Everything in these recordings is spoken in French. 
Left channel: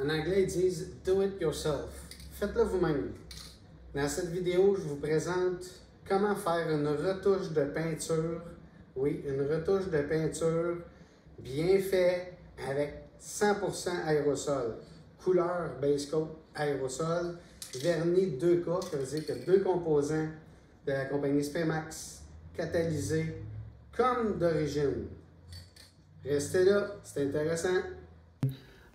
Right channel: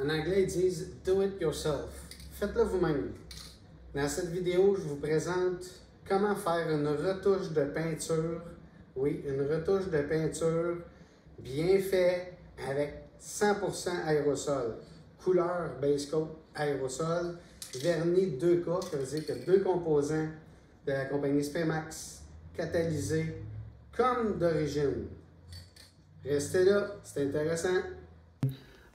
En anglais, ils disent « do it yourself ». Faites-le vous-même. Dans cette vidéo, je vous présente comment faire une retouche de peinture. Oui, une retouche de peinture bien faite avec 100% aérosol. Couleur base coat aérosol, vernis 2K, ça veut dire qu'il y a deux composants de la compagnie Spaymax catalysés comme d'origine. Restez là, c'est intéressant.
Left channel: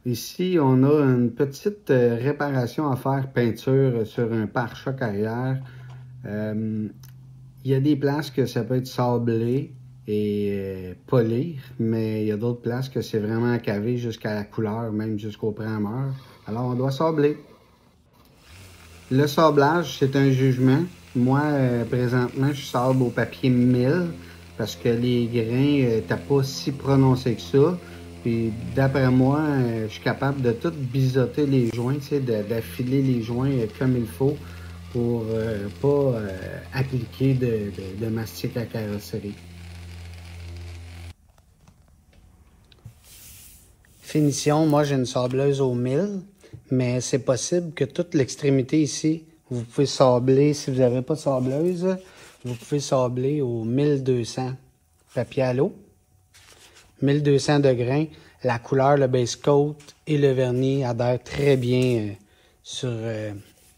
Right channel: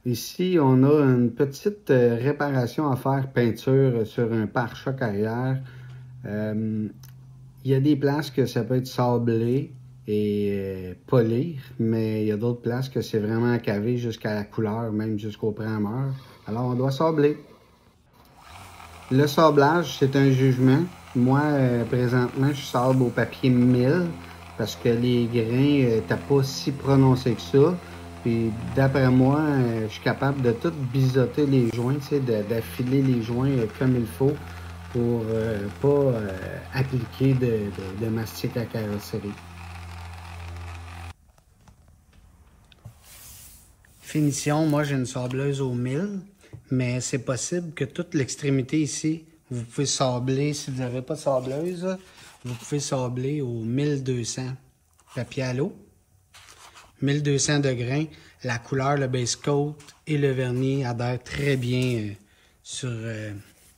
Ici, on a une petite réparation à faire peinture sur un pare-choc arrière. Il y a des places que ça peut être sablé et polir, mais il y a d'autres places que c'est vraiment cavé jusqu'à la couleur, même jusqu'au primeur. Alors, on doit sabler. Le sablage, c'est un jugement. Moi, présentement, je sable au papier 1000 parce que les grains n'étaient pas si prononcés que ça. Puis d'après moi, je suis capable de tout biseauter les joints, d'affiler les joints comme il faut pour pas appliquer de mastic à carrosserie. Finition, moi j'ai une sableuse au 1000, mais c'est possible que toute l'extrémité ici, vous pouvez sabler, si vous n'avez pas de sableuse, vous pouvez sabler au 1200 papier à l'eau. 1200 de grains, la couleur, le base coat et le vernis adhèrent très bien sur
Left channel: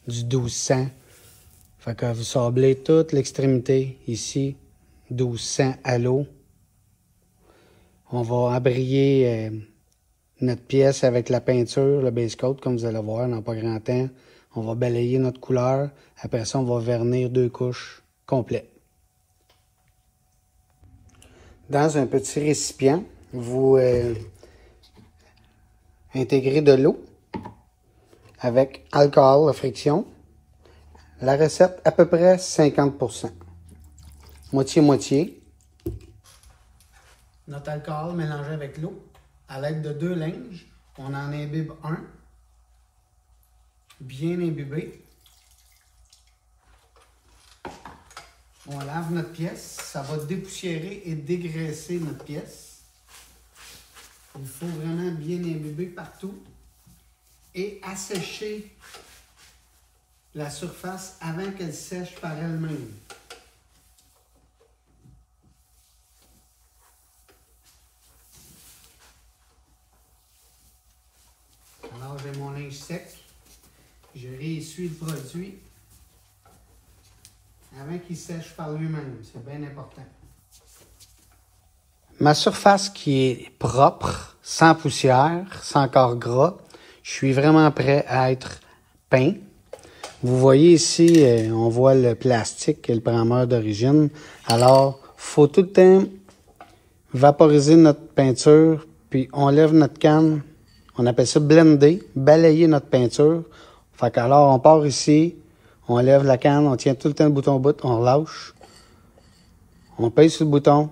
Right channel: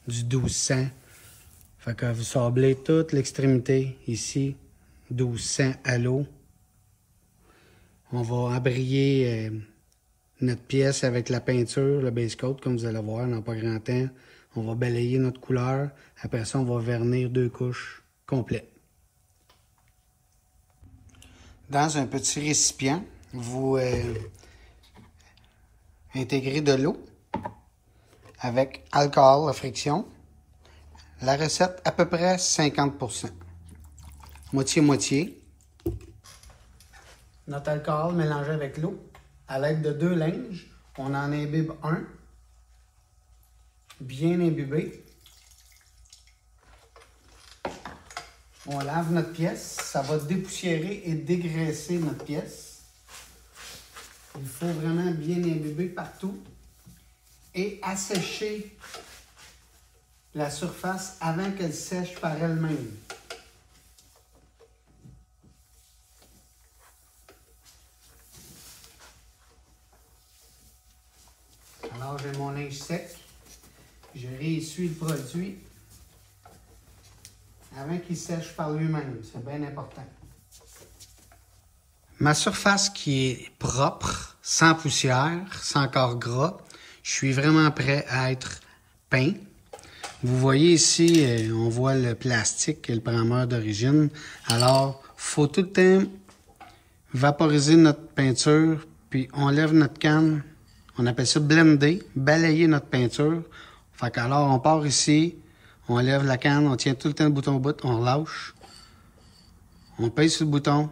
du 1200. Fait que vous sablez toute l'extrémité ici, 1200 à l'eau. On va abrier notre pièce avec la peinture, le base coat, comme vous allez voir dans pas grand temps. On va balayer notre couleur. Après ça, on va vernir 2 couches complètes. Dans un petit récipient, vous intégrez de l'eau avec alcool à friction. La recette, à peu près 50%. Moitié-moitié. Notre alcool mélangé avec l'eau. À l'aide de 2 linges, on en imbibe un. Bien imbibé. On lave notre pièce. Ça va dépoussiérer et dégraisser notre pièce. Il faut vraiment bien imbiber partout. Et assécher la surface avant qu'elle sèche par elle-même. Alors, j'ai mon linge sec. Je réessuie le produit avant qu'il sèche par lui-même. C'est bien important. Ma surface qui est propre, sans poussière, sans corps gras, je suis vraiment prêt à être peint. Vous voyez ici, on voit le plastique et le primeur d'origine. Alors, il faut tout le temps vaporiser notre peinture, puis on lève notre canne. On appelle ça blender, balayer notre peinture. Fait qu'alors, on part ici, on lève la canne, on tient tout le temps le bouton au bout, on relâche. On pèse sur le bouton,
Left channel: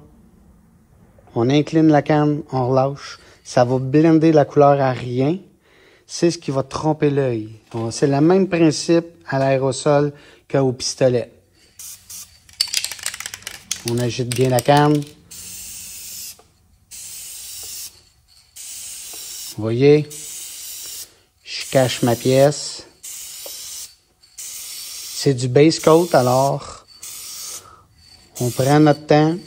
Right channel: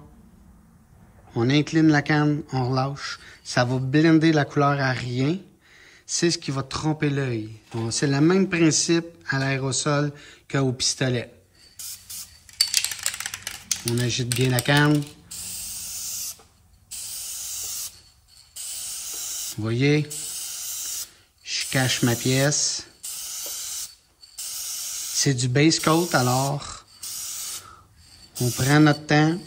on incline la canne, on relâche. Ça va blender la couleur à rien. C'est ce qui va tromper l'œil. C'est le même principe à l'aérosol qu'au pistolet. On agite bien la canne. Vous voyez, je cache ma pièce. C'est du base coat, alors on prend notre temps.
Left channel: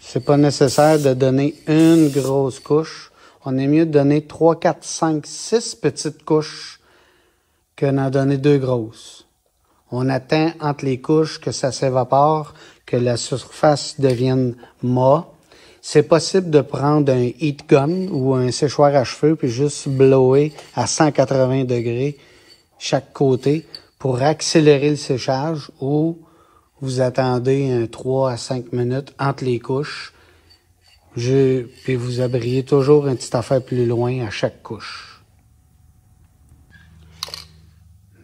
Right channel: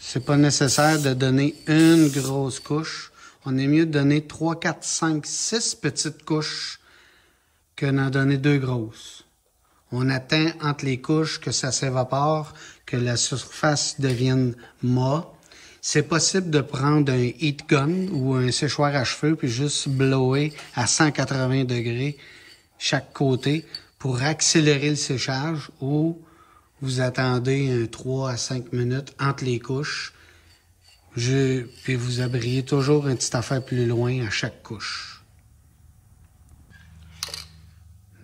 C'est pas nécessaire de donner une grosse couche. On est mieux de donner 3, 4, 5, 6 petites couches que d'en donner 2 grosses. On attend entre les couches que ça s'évapore, que la surface devienne mat. C'est possible de prendre un heat gun ou un séchoir à cheveux puis juste blower à 180 degrés chaque côté pour accélérer le séchage, ou vous attendez un 3 à 5 minutes entre les couches. Puis vous abriez toujours une petite affaire plus loin à chaque couche.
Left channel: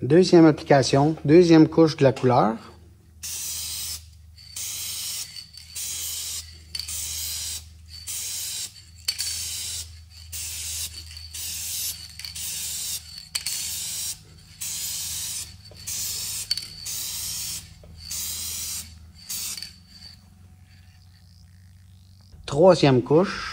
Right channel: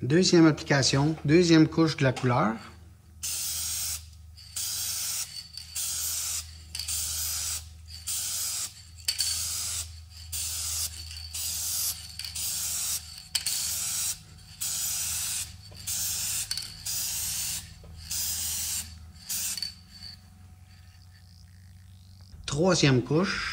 Deuxième application, deuxième couche de la couleur. Troisième couche.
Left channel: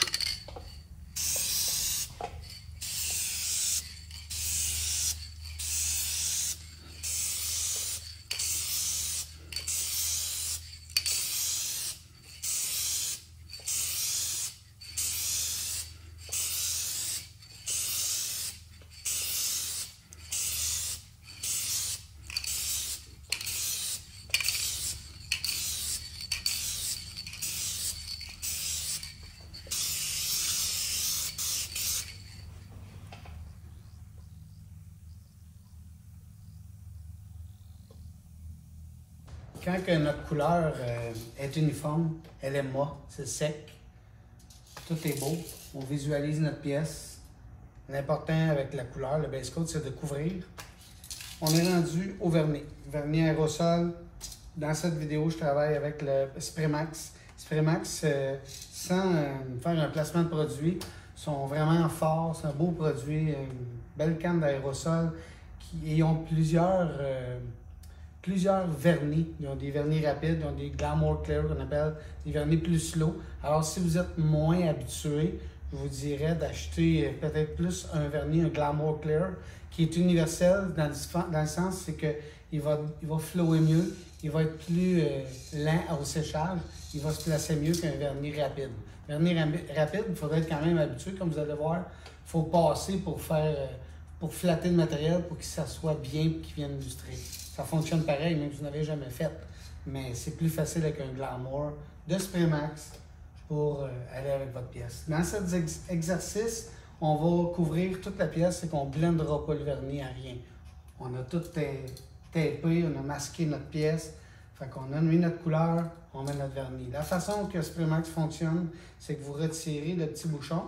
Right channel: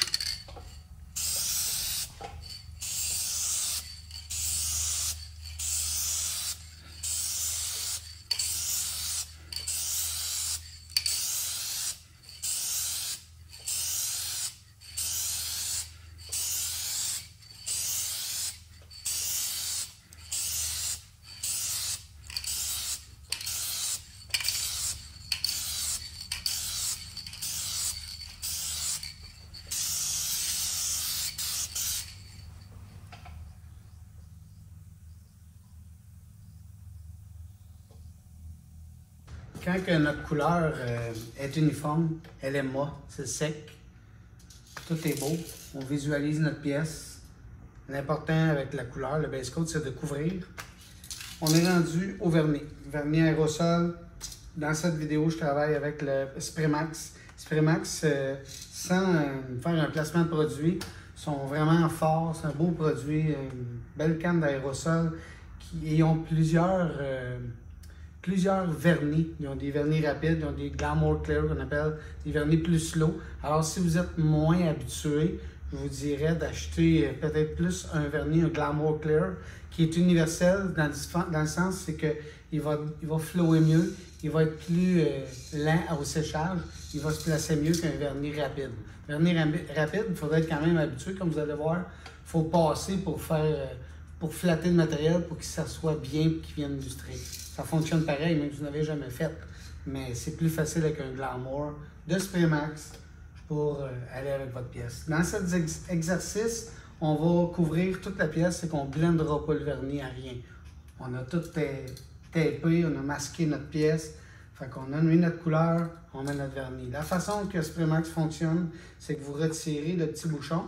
Quand que notre couleur est uniforme, elle est molle, c'est sec, tout est beau, on visualise notre pièce. L'important avec la couleur, le base coat, c'est de couvrir. On est rendu au vernis. Vernis aérosol. Dans cette vidéo, je travaille avec le Spraymax. Spraymax, sans faire un placement de produit, sont vraiment forts. C'est un beau produit, une belle canne d'aérosol. Ils ont plusieurs vernis. Ils ont des vernis rapides, ils ont des Glamour Clear qu'on appelle des vernis plus slow. Alors, si vous êtes moins habitué, je vous dirais d'acheter peut-être plus un vernis, un Glamour Clear, qui est universel dans le sens c'est qu'il va flower mieux, il va être plus lent au séchage, il va se placer mieux qu'un vernis rapide. Vernis rapide, il faudrait être quand même habitué, comme vous allez voir, il faut passer pour flatter le matériel pour que ça soit bien et qu'il vienne illustrer. Ça fonctionne pareil, même si vous n'avez jamais fait, mais c'est plus facile avec un Glamour de Spraymax pour aller avec votre pièce. Dans cet exercice, on va couvrir toute la pièce et qu'on ne blendera pas le vernis à rien. On a tout tapé, on a masqué notre pièce. Fait qu'on a mis notre couleur, on met notre vernis. La façon que Spraymax fonctionne, c'est que vous retirez le petit bouchon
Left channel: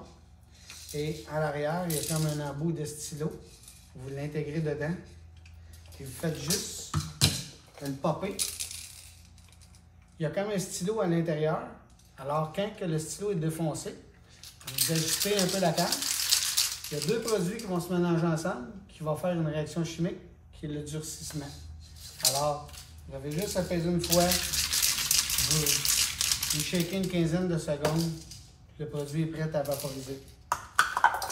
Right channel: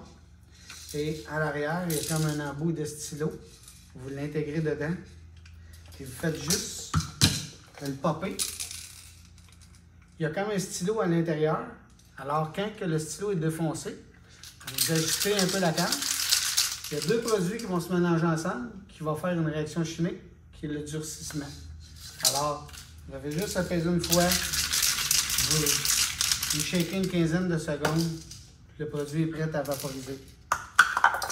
et à l'arrière, il y a comme un embout de stylo. Vous l'intégrez dedans et vous faites juste le popper. Il y a comme un stylo à l'intérieur. Alors, quand que le stylo est défoncé, vous ajustez un peu la canne. Il y a deux produits qui vont se mélanger ensemble, qui vont faire une réaction chimique, qui est le durcissement. Alors, vous avez juste à peser une fois, vous shakez une quinzaine de secondes, le produit est prêt à vaporiser.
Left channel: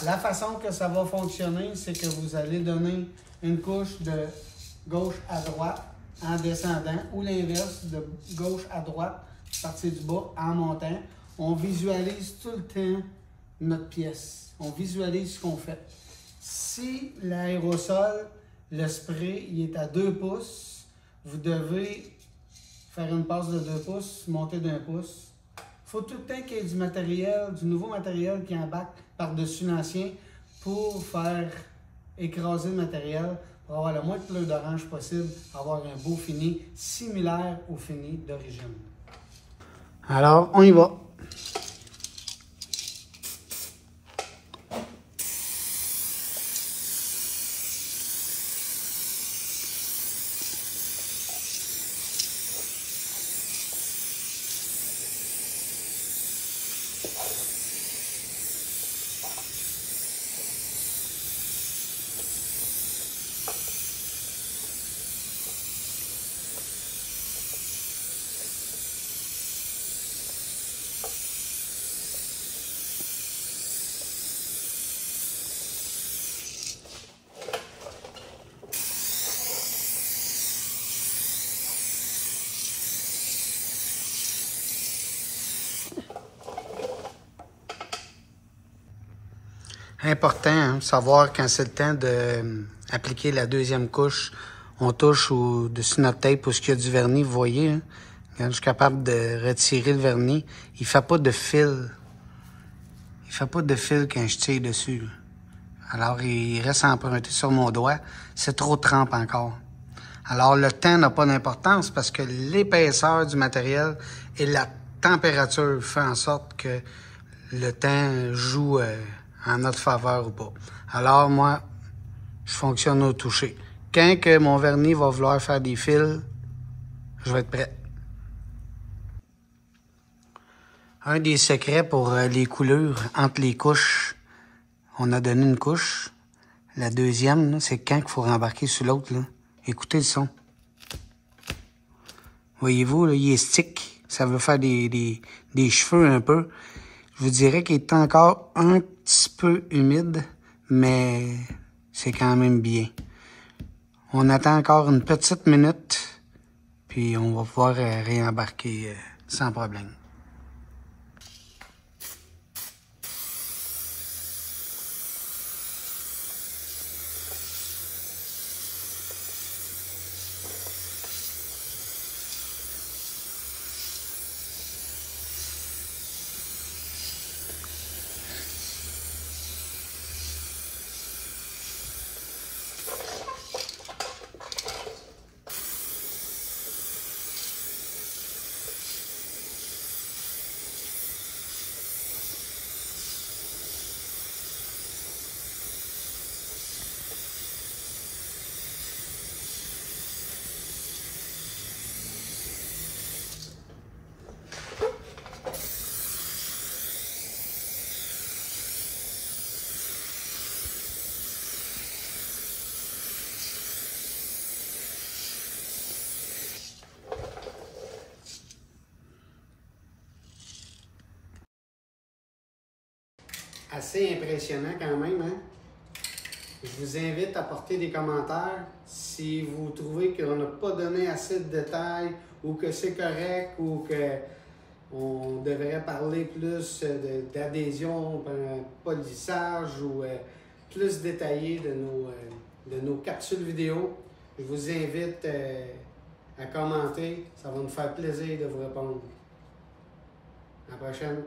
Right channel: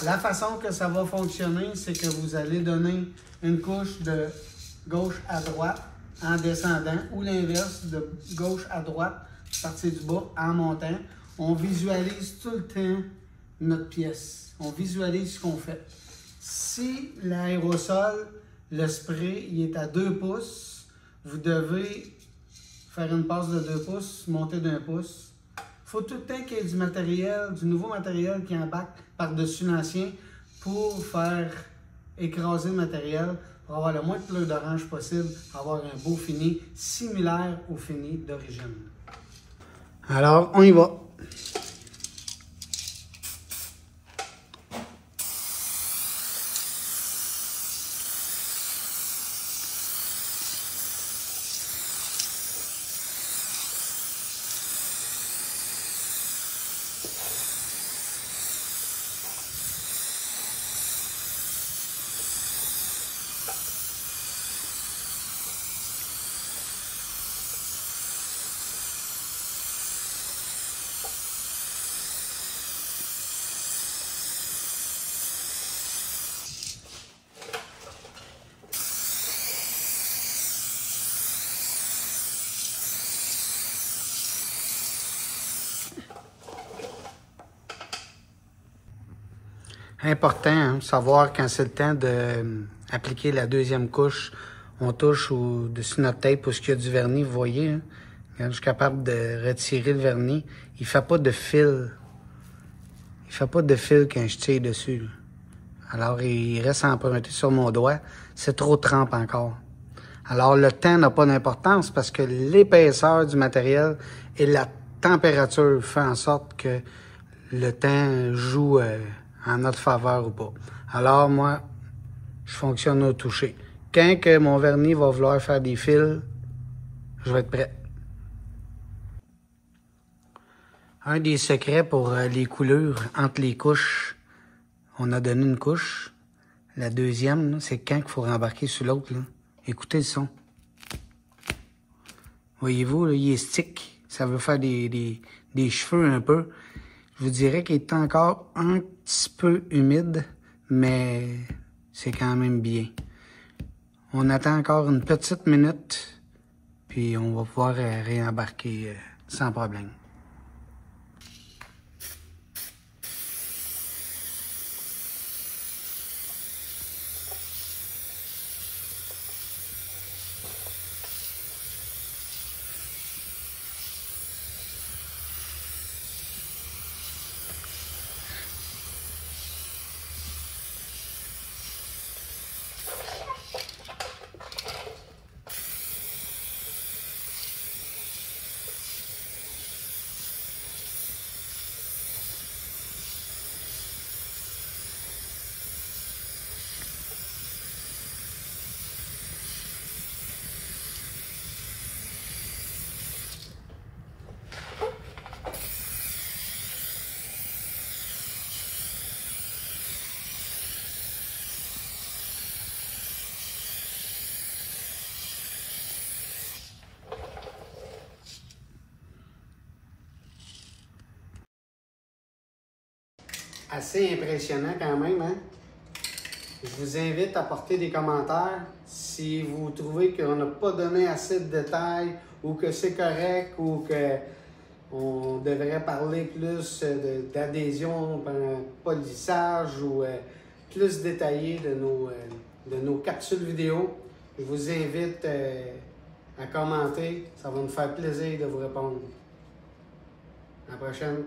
La façon que ça va fonctionner, c'est que vous allez donner une couche de gauche à droite en descendant, ou l'inverse, de gauche à droite, partir du bas en montant. On visualise tout le temps notre pièce. On visualise ce qu'on fait. Si l'aérosol, le spray, il est à 2 pouces, vous devez faire une passe de 2 pouces, monter d'1 pouce. Il faut tout le temps qu'il y ait du matériel, du nouveau matériel qui embarque par-dessus l'ancien pour faire écraser le matériel, pour avoir le moins de pleurs d'orange possible, avoir un beau fini similaire au fini d'origine. Alors, on y va. Important, hein, savoir quand c'est le temps d'appliquer la deuxième couche. On touche au-dessus de notre tape où il y a du vernis, vous voyez. Hein? Quand je suis capable de retirer le vernis, il ne fait pas de fil. Il ne fait pas de fil quand je tire dessus. Là. Alors, il reste emprunté sur mon doigt. C'est trop trempe encore. Alors, le temps n'a pas d'importance parce que l'épaisseur du matériel et la température font en sorte que le temps joue en notre faveur ou pas. Alors, moi, je fonctionne au toucher. Quand que mon vernis va vouloir faire des fils, je vais être prêt. Un des secrets pour les coulures entre les couches, on a donné une couche. La deuxième, c'est quand il faut rembarquer sur l'autre. Écoutez le son. Voyez-vous, là, il est stick. Ça veut faire des cheveux un peu. Je vous dirais qu'il est encore un petit peu humide, mais c'est quand même bien. On attend encore une petite minute, puis on va pouvoir réembarquer sans problème. assez impressionnant quand même, hein? Je vous invite à porter des commentaires si vous trouvez qu'on n'a pas donné assez de détails ou que c'est correct ou qu'on devrait parler plus d'adhésion, polissage ou plus détaillé de nos capsules vidéo. Je vous invite à commenter. Ça va nous faire plaisir de vous répondre. À la prochaine.